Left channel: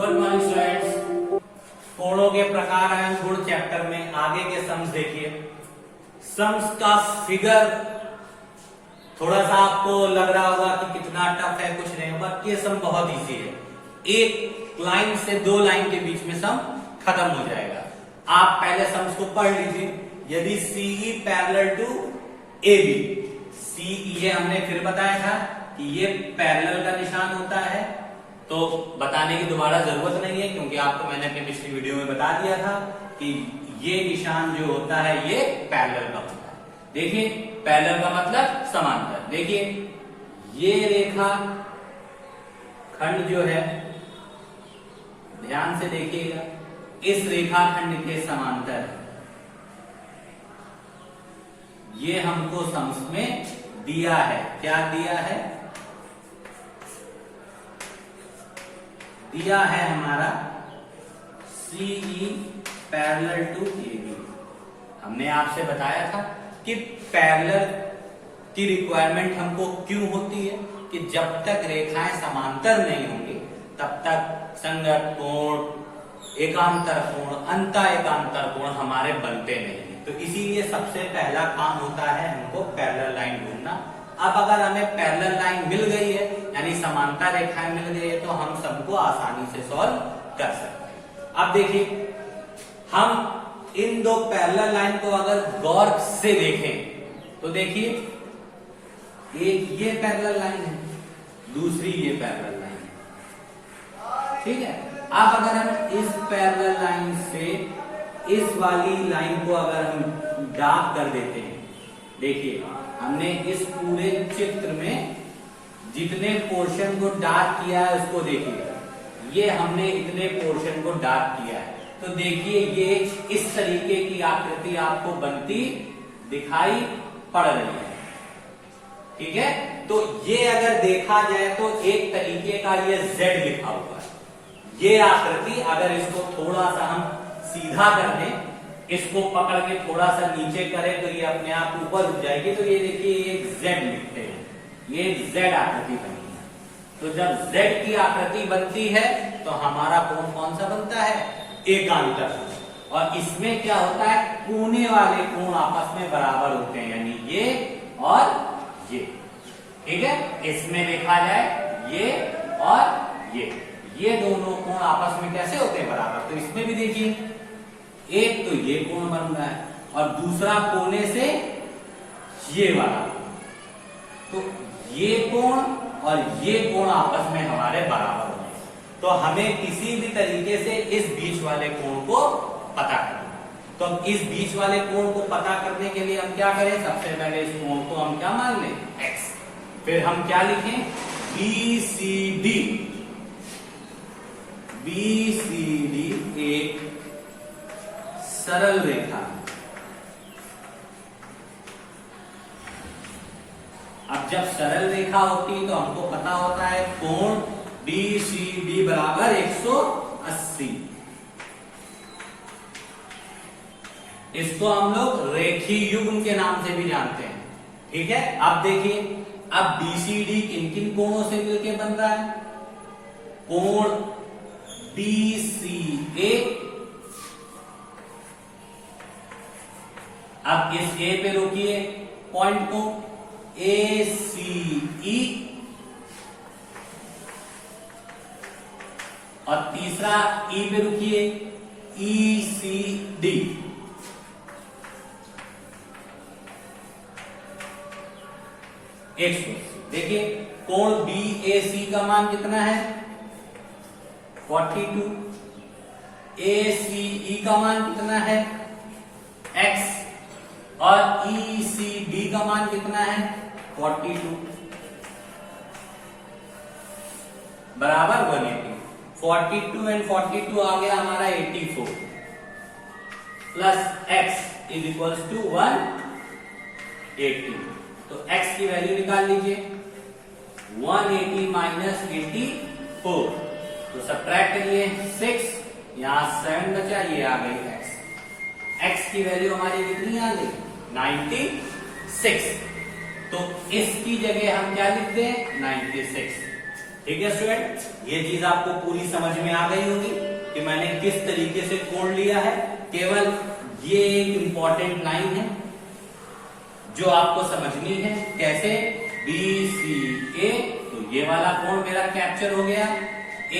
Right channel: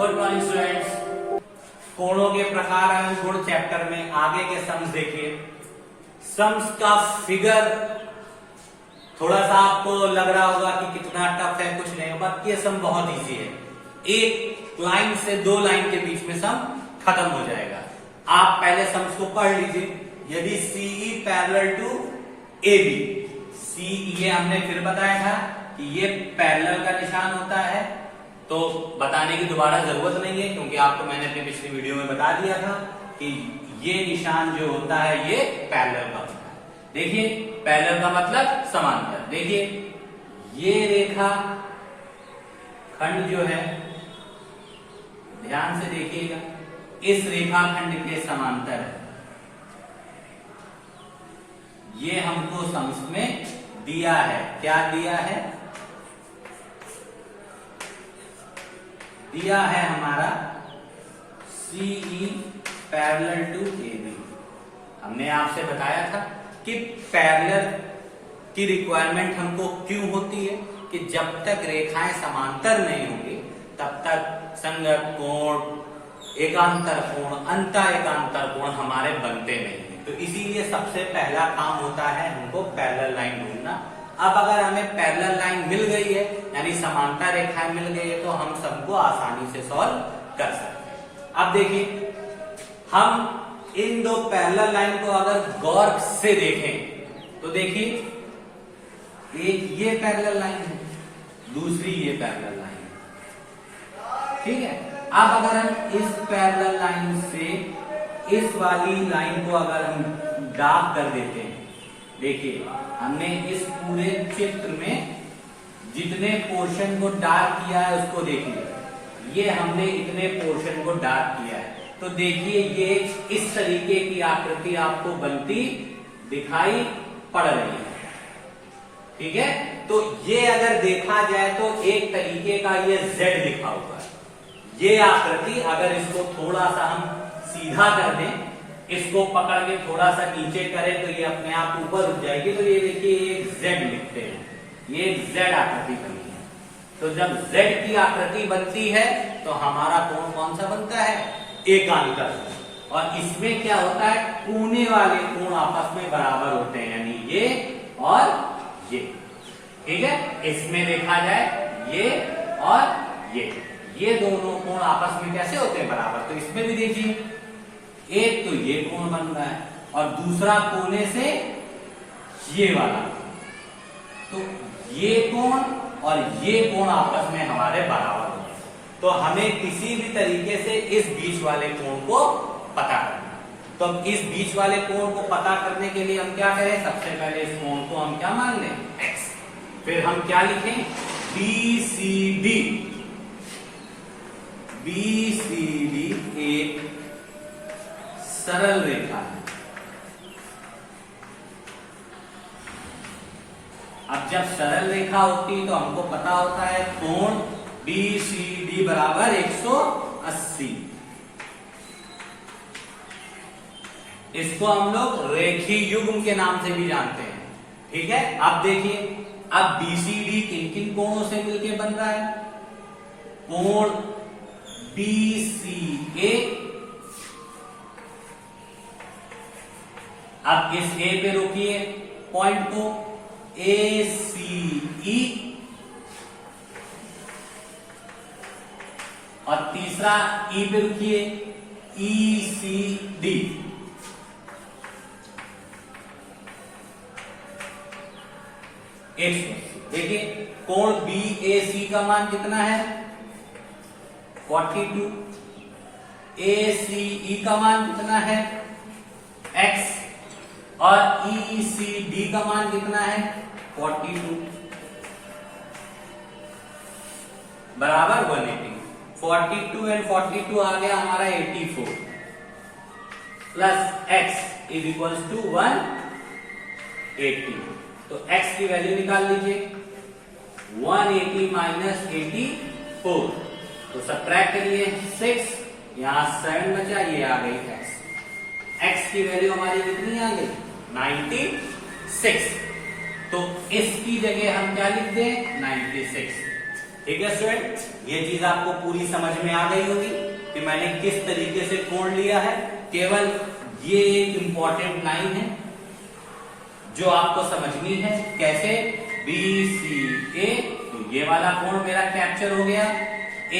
Good morning students. कोणों के प्रकार एवं गुण चैप्टर में आगे के सम्स देखिए। सम्स का फिगर थोड़ा सा आपको लग रहा होगा कि कितना टफ है, कुछ नहीं होगा। ये सम बहुत इजी है। एक लाइन से दो लाइन के बीच में सम खत्म हो जाएगा। आप पहले सम्स को पढ़ लीजिए। यदि C E parallel to A B, C E हमने फिर बताया था कि ये पैरेलल का निशान होता है, तो बताने की दोबारा जरूरत नहीं है क्योंकि आपको मैंने अपनी पिछली वीडियो में बता दिया था कि ये निशान जो होता है ये पैरेलल का होता है। देखिए पैरेलल का मतलब समांतर। देखिए ये रेखा खंड जो है, ध्यान से देखिएगा, इस रेखा खंड के समांतर है। ये हमको सम्स में दिया है। क्या दिया है? दिया है हमारा सीई पैरेलल टू एबी। हमने आपसे बताया था कि पैरेलल की रिक्वायरमेंट हमको क्यों होती है कि जब तक रेखाएं समांतर नहीं होंगी तब तक संगत कोण, एकांतर कोण, अंतः एकांतर कोण हमारे बनते नहीं। तो इसीलिए सबसे पहला काम होता है हमको पैरेलल लाइन ढूंढना। अब अगर हमें पैरेलल लाइन मिल गई है यानी समांतर रेखाएं मिल गई है तो हम सबको आसानी से सॉल्व कर सकते हैं। अब देखिए हम इन दो पैरेलल लाइन को अगर गौर से देखें तो देखिए एक ये पैरेलल लाइन है, दूसरी ये पैरेलल लाइन है। ठीक है। अब अगर हम इस पैरेलल लाइन से इस वाली लाइन को अगर हम डार्क कर देते हैं, देखिए हमने इस पूरे चित्र में जितने पोर्शन को डार्क किया है उसको देखिए। ये हमने इतने पोर्शन को डार्क किया है तो देखिए ये इस तरीके की आकृति आपको बनती दिखाई पड़ रही है। ठीक है। तो ये अगर देखा जाए तो एक तरीके का ये Z लिखा हुआ है। ये आकृति अगर इसको थोड़ा सा हम सीधा कर दें, इसको पकड़ के थोड़ा सा नीचे करें तो ये अपने आप ऊपर उठ जाएगी। तो ये देखिए एक Z लिखते हैं, ये एक Z आकृति बनी है। तो जब Z की आकृति बनती है तो हमारा कोण कौन सा बनता है? एकांतर। और इसमें क्या होता है? कोने वाले कोण आपस में बराबर होते हैं, यानी ये और ये। ठीक है। इसमें देखा जाए ये और ये दोनों कोण आपस में कैसे होते हैं? बराबर। तो इसमें भी देखिए एक तो ये कोण बन रहा है और दूसरा कोने से ये वाला। तो ये कोण और ये कोण आपस में हमारे बराबर होते हैं। तो हमें किसी भी तरीके से इस बीच वाले कोण को पता करना। तो इस बीच वाले कोण को पता करने के लिए हम क्या करें? सबसे पहले इस कोण को हम क्या मान लें? x। फिर हम क्या लिखें? BCD। BCD एक सरल रेखा है। अब जब सरल रेखा होती है तो हमको पता होता है कोण BCD बराबर 180। इसको हम लोग रेखीय युग्म के नाम से भी जानते हैं। ठीक है। अब देखिए अब BCD किन किन कोणों से मिलकर बन रहा है? कोण BCA। अब इस A पे रोकिए पॉइंट को, ACE। और तीसरा E पे रुकिए, ECD। देखिए कोण BAC का मान कितना है? 42। ACE का मान कितना है? X। और ECD का मान कितना है? 42 बराबर 180। 42 एंड 42 आ गया हमारा 84 plus x is equals to 180। तो x की वैल्यू निकाल लीजिए। 180 माइनस 84 तो सब्ट्रैक्ट करिए 6, यहां 7 बचा, ये आ गई x। x की वैल्यू हमारी कितनी आ गई? 96। तो इसकी जगह हम क्या लिख दें? 96। ठीक है स्टूडेंट, ये चीज आपको पूरी समझ में आ गई होगी कि मैंने किस तरीके से कोण लिया है। केवल ये इंपॉर्टेंट लाइन है जो आपको समझनी है। कैसे? BCA, तो ये वाला कोण मेरा कैप्चर हो गया।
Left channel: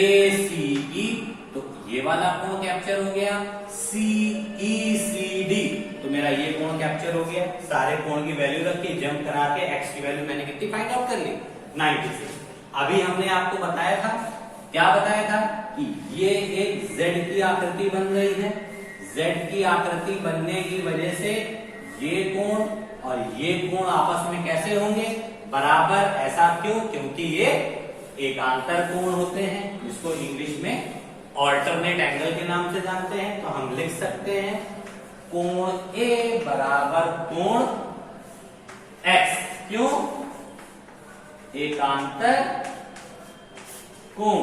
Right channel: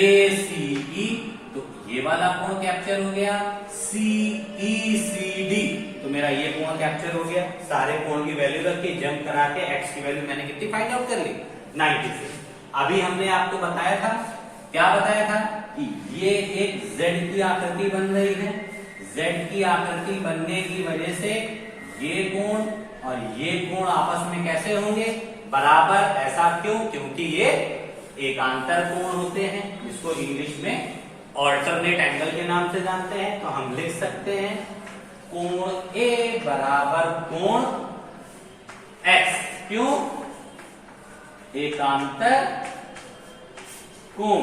ACE, तो ये वाला कोण कैप्चर हो गया। CECD, तो मेरा ये कोण कैप्चर हो गया। सारे कोण की वैल्यू रख के जंप करा के x की वैल्यू मैंने कितनी फाइंड आउट कर ली? 96। अभी हमने आपको बताया था, क्या बताया था कि ये एक Z की आकृति बन रही है। Z की आकृति बनने की वजह से ये कोण और ये कोण आपस में कैसे होंगे? बराबर। ऐसा क्यों? क्योंकि ये एकांतर कोण होते हैं, जिसको इंग्लिश में ऑल्टरनेट एंगल के नाम से जानते हैं। तो हम लिख सकते हैं कोण A बराबर कोण X। क्यों? एकांतर कोण।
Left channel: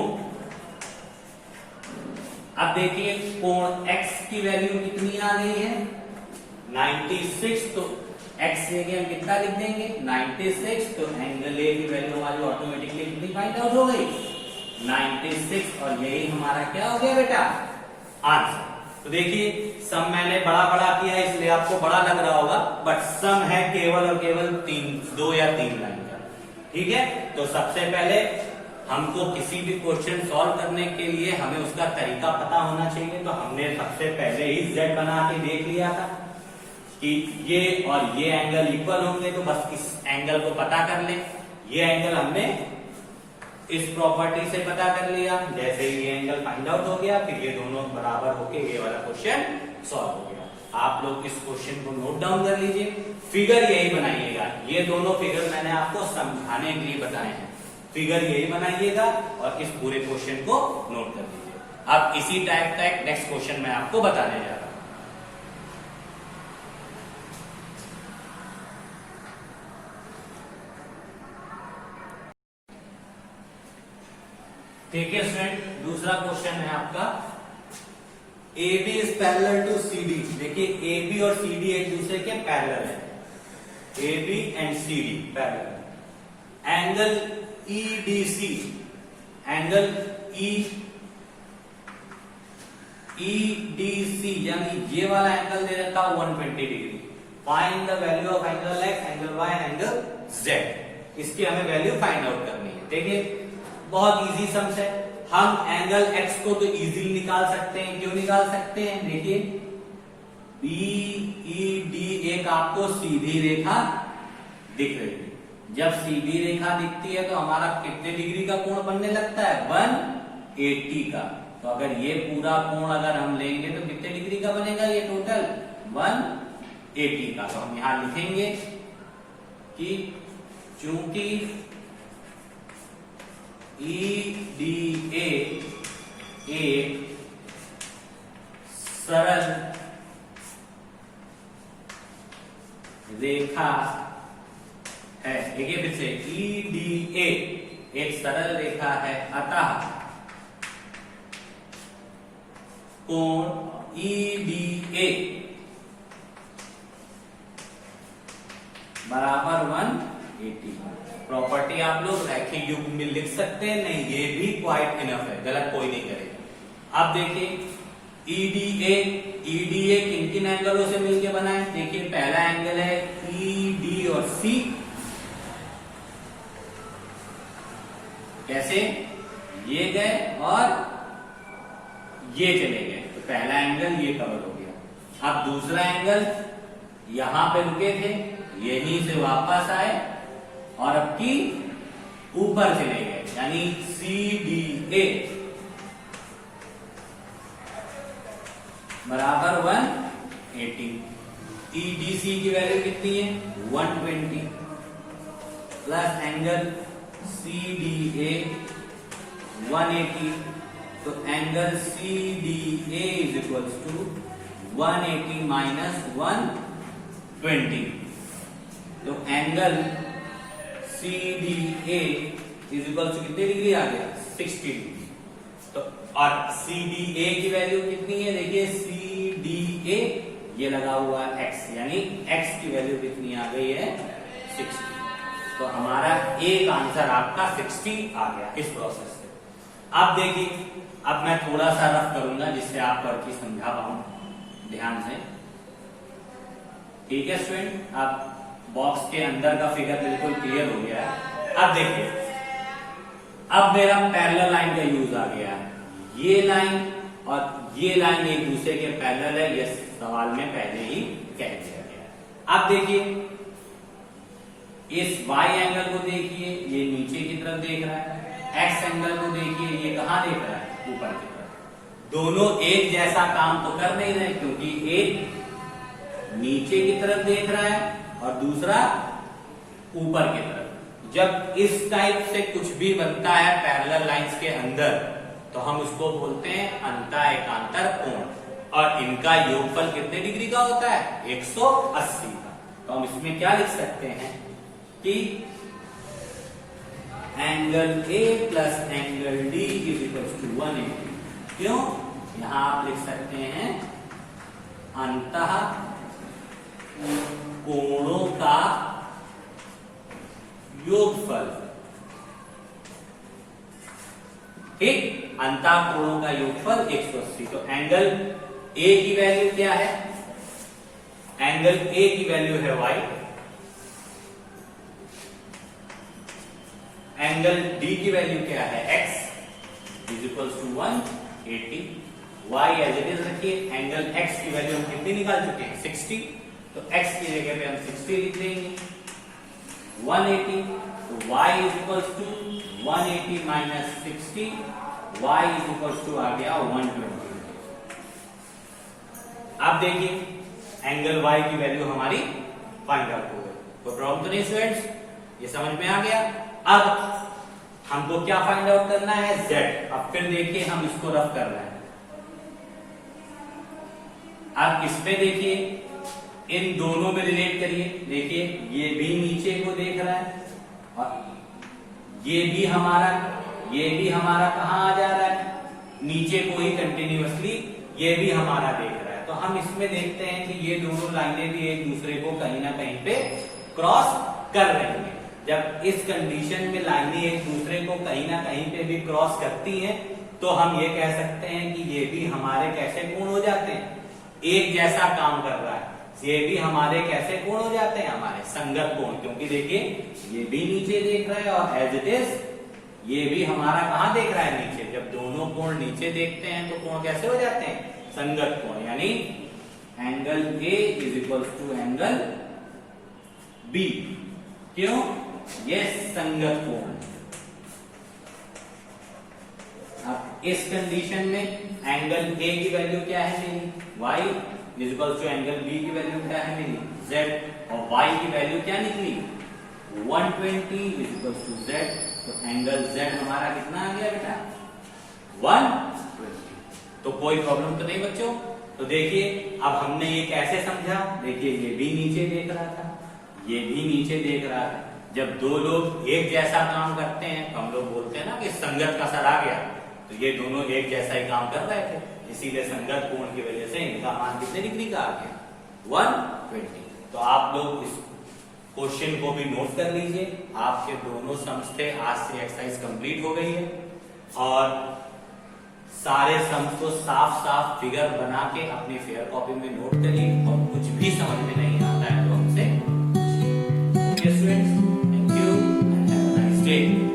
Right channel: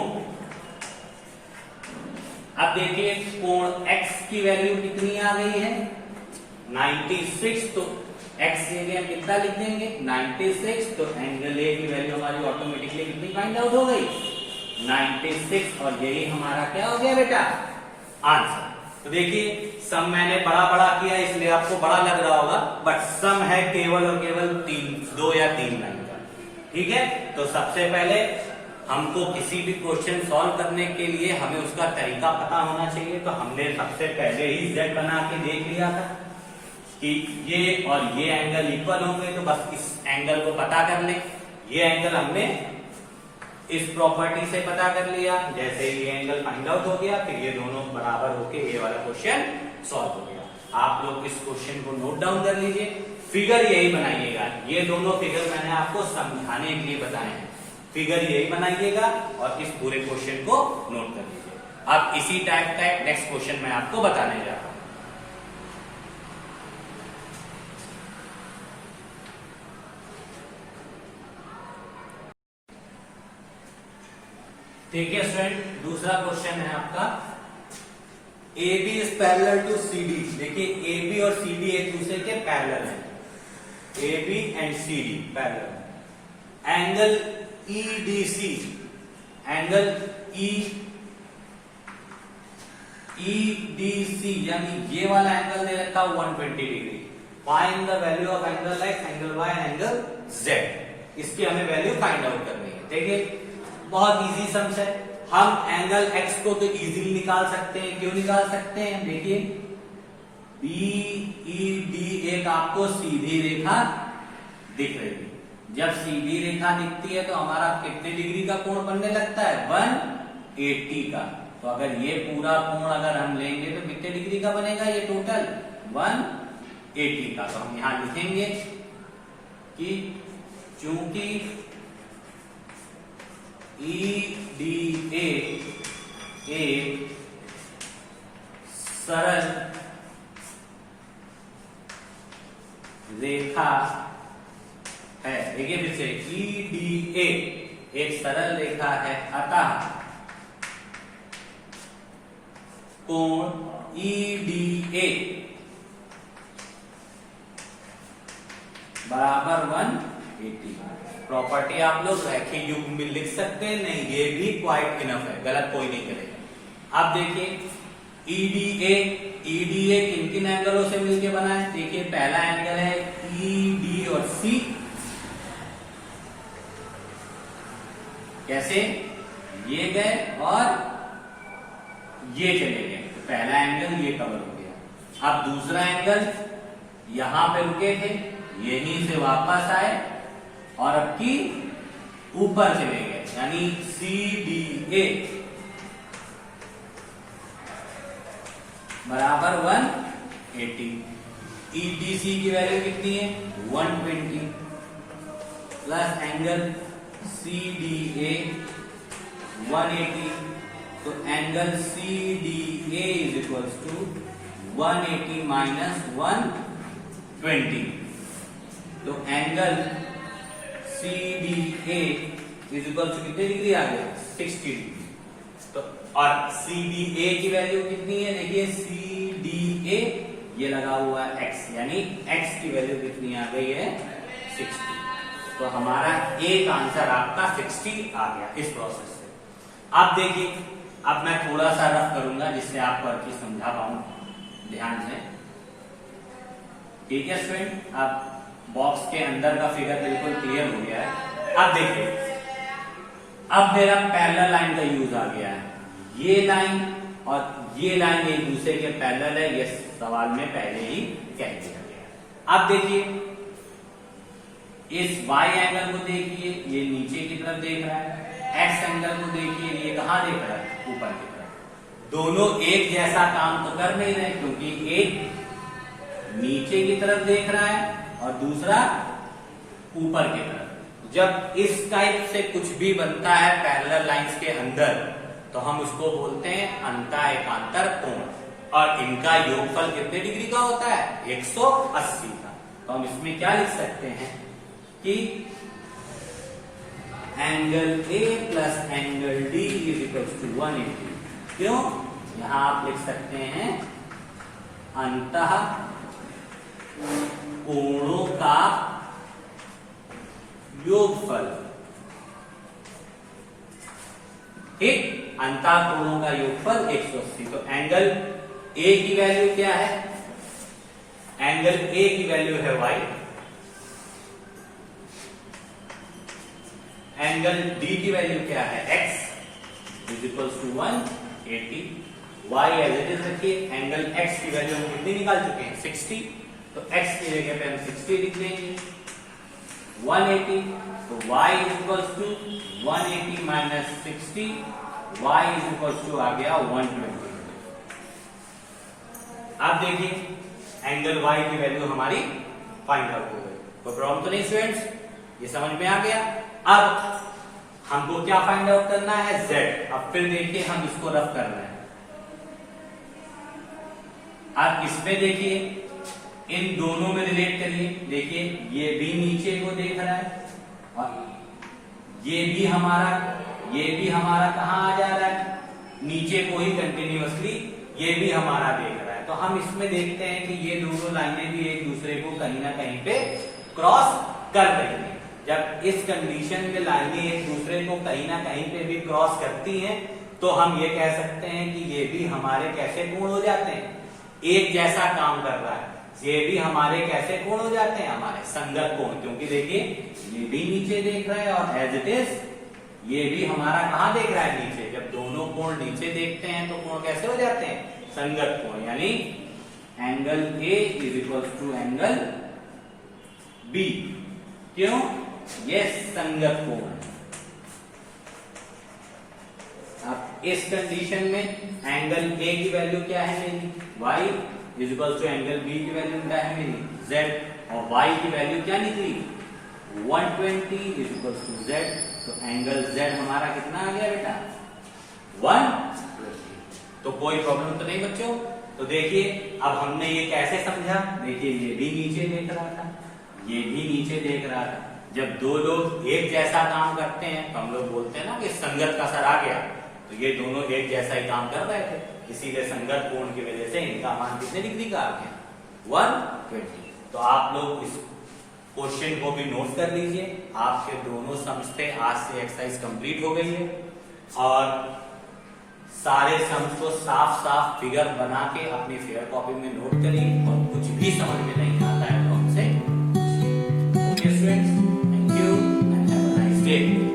अब देखिए कोण X की वैल्यू कितनी आ गई है? 96। तो X के लिए हम कितना लिख देंगे? 96। तो एंगल A की वैल्यू हमारी ऑटोमेटिकली कितनी फाइंड आउट हो गई? 96। और यही हमारा क्या हो गया बेटा? आंसर। तो देखिए सम मैंने बड़ा बड़ा किया इसलिए आपको बड़ा लग रहा होगा, बट सम है केवल और केवल 2 या 3 लाइन का। ठीक है, तो सबसे पहले हमको किसी भी क्वेश्चन सॉल्व करने के लिए हमें उसका तरीका पता होना चाहिए। तो हमने सबसे पहले ही Z बना के देख लिया था कि ये और ये एंगल इक्वल होंगे, तो बस इस एंगल को पता कर ले। ये एंगल हमने इस प्रॉपर्टी से पता कर लिया। जैसे ही ये एंगल फाइंड आउट हो गया, फिर ये दोनों बराबर होके ये वाला क्वेश्चन सॉल्व हो गया। आप लोग इस क्वेश्चन को नोट डाउन कर लीजिए, फिगर यही बनाइएगा। ये दोनों फिगर मैंने आपको समझाने के लिए बताए हैं, फिगर यही बनाइएगा और इस पूरे क्वेश्चन को नोट कर लीजिए। अब इसी टाइप का नेक्स्ट क्वेश्चन मैं आपको बताने जा रहा हूं। ठीक है स्टूडेंट, दूसरा क्वेश्चन है आपका AB is parallel to CD। देखिए AB और CD एक दूसरे के पैरेलल है। AB and CD parallel. Angle EDC, angle EDC यानी ये वाला एंगल दे रखा 120 degree. Find the value of angle X, angle Y and angle Z। इसकी हमें वैल्यू फाइंड आउट करनी है। देखिए बहुत इजी सम्स है। हम एंगल X को तो इजीली निकाल सकते हैं। क्यों निकाल सकते हैं? देखिए BED एक आपको सीधी रेखा दिख रही है। जब सीधी रेखा दिखती है तो हमारा कितने डिग्री का कोण बनने लगता है? 180 का। तो अगर ये पूरा कोण अगर हम लेंगे तो कितने डिग्री का बनेगा? ये टोटल 180 का। तो हम यहां लिखेंगे कि चूंकि EDA एक सरल रेखा है। देखिए फिर से EDA एक सरल रेखा है, अतः कोण EDA बराबर 180। प्रॉपर्टी आप लोग रैखिक युग्म में लिख सकते हैं, नहीं ये भी क्वाइट इनफ है, गलत कोई नहीं करेगा। अब देखिए EDA किन किन एंगलों से मिलकर बना है? देखिए पहला एंगल है ED और C। कैसे? ये गए और ये चले गए, तो पहला एंगल ये कवर हो गया। अब दूसरा एंगल यहां पे रुके थे, यहीं से वापस आए और अब की ऊपर चले गए, यानी CDA बराबर 180। EDC की वैल्यू कितनी है? 120 प्लस एंगल CDA 180। तो angle CDA is equal to 180 minus 120। तो angle CDA is equal to कितने डिग्री आ गया? 60 डिग्री। तो और CDA की वैल्यू कितनी है? देखिए CDA ये लगा हुआ है X, यानी X की वैल्यू कितनी आ गई है? 60। तो हमारा एक आंसर आपका 60 आ गया इस प्रोसेस से। अब देखिए, अब मैं थोड़ा सा रफ करूंगा जिससे आप करके समझा पाऊं ध्यान से। ठीक है स्टूडेंट, अब बॉक्स के अंदर का फिगर बिल्कुल क्लियर हो गया है। अब देखिए, अब मेरा पैरेलल लाइन का यूज आ गया है। ये लाइन और ये लाइन एक दूसरे के पैरेलल है, ये सवाल में पहले ही कह दिया गया है। अब देखिए, इस y एंगल को देखिए, ये नीचे की तरफ देख रहा है। x एंगल को देखिए, ये कहां देख रहा है? ऊपर की तरफ। दोनों एक जैसा काम तो कर नहीं रहे, क्योंकि एक नीचे की तरफ देख रहा है और दूसरा ऊपर की तरफ। जब इस टाइप से कुछ भी बनता है पैरेलल लाइंस के अंदर, तो हम उसको बोलते हैं अंतः एकांतर कोण, और इनका योगफल कितने डिग्री का होता है? 180 का। तो हम इसमें क्या लिख सकते हैं कि angle A plus angle D is equal to 180। क्यों? यहां आप लिख सकते हैं अंतः कोणों का योगफल। ठीक, अंतः कोणों का योगफल 180। तो एंगल A की वैल्यू क्या है? एंगल A की वैल्यू है y, एंगल D की वैल्यू क्या है? x is equal to 180। y as it is रखिए। एंगल x की वैल्यू हम कितनी निकाल चुके हैं? 60। तो x की जगह पे हम 60 लिख देंगे, 180। तो y is equal to 180 minus 60, y is equal to आ गया 120। अब देखिए, एंगल y की वैल्यू हमारी फाइंड आउट हो गई। कोई प्रॉब्लम तो नहीं स्टूडेंट्स? ये समझ में आ गया। अब हमको क्या फाइंड आउट करना है? z। अब फिर देखिए, हम इसको रफ कर रहे हैं। अब इस पे देखिए, इन दोनों में रिलेट करिए। देखिए, ये भी नीचे को देख रहा है और ये भी हमारा कहां आ जा रहा है? नीचे को ही कंटिन्यूअसली ये भी हमारा देख रहा है। तो हम इसमें देखते हैं कि ये दोनों लाइनें भी एक दूसरे को कहीं ना कहीं पे क्रॉस कर रही हैं। जब इस कंडीशन में लाइनें एक दूसरे को कहीं ना कहीं पे भी क्रॉस करती हैं, तो हम ये कह सकते हैं कि ये भी हमारे कैसे कोण हो जाते हैं? एक जैसा काम कर रहा है। ये भी हमारे कैसे कोण हो जाते हैं? हमारे संगत कोण। क्योंकि देखिए, ये भी नीचे देख रहा है और एज इट इज ये भी हमारा कहां देख रहा है? नीचे। जब दोनों कोण नीचे देखते हैं तो कोण कैसे हो जाते हैं? संगत कोण। यानी angle A is equal to angle B। क्यों? ये संगत कोण। अब इस कंडीशन में एंगल A की वैल्यू क्या है मेरी? y is equal to angle B की वैल्यू क्या है मेरी? z। और y की वैल्यू क्या निकली? 120 इज इक्वल टू z। तो एंगल z हमारा कितना आ गया बेटा? 120। तो कोई प्रॉब्लम तो नहीं बच्चों? तो देखिए, अब हमने ये कैसे समझा? देखिए, ये भी नीचे देख रहा था, ये भी नीचे देख रहा था। जब दो लोग एक जैसा काम करते हैं तो हम लोग बोलते हैं ना कि संगत का असर आ गया। तो ये दोनों एक जैसा ही काम कर रहे थे, इसीलिए संगत कोण की वजह से इनका मान कितने डिग्री का आ गया? 120। तो आप लोग इस क्वेश्चन को भी नोट कर लीजिए। आपके दोनों सम्स थे, आज से एक्सरसाइज कंप्लीट हो गई है। और सारे सम्स को साफ साफ फिगर बना के अपनी फेयर कॉपी में नोट करिए। और कुछ भी समझ में नहीं आता है तो हमसे। Thank you and have a nice day.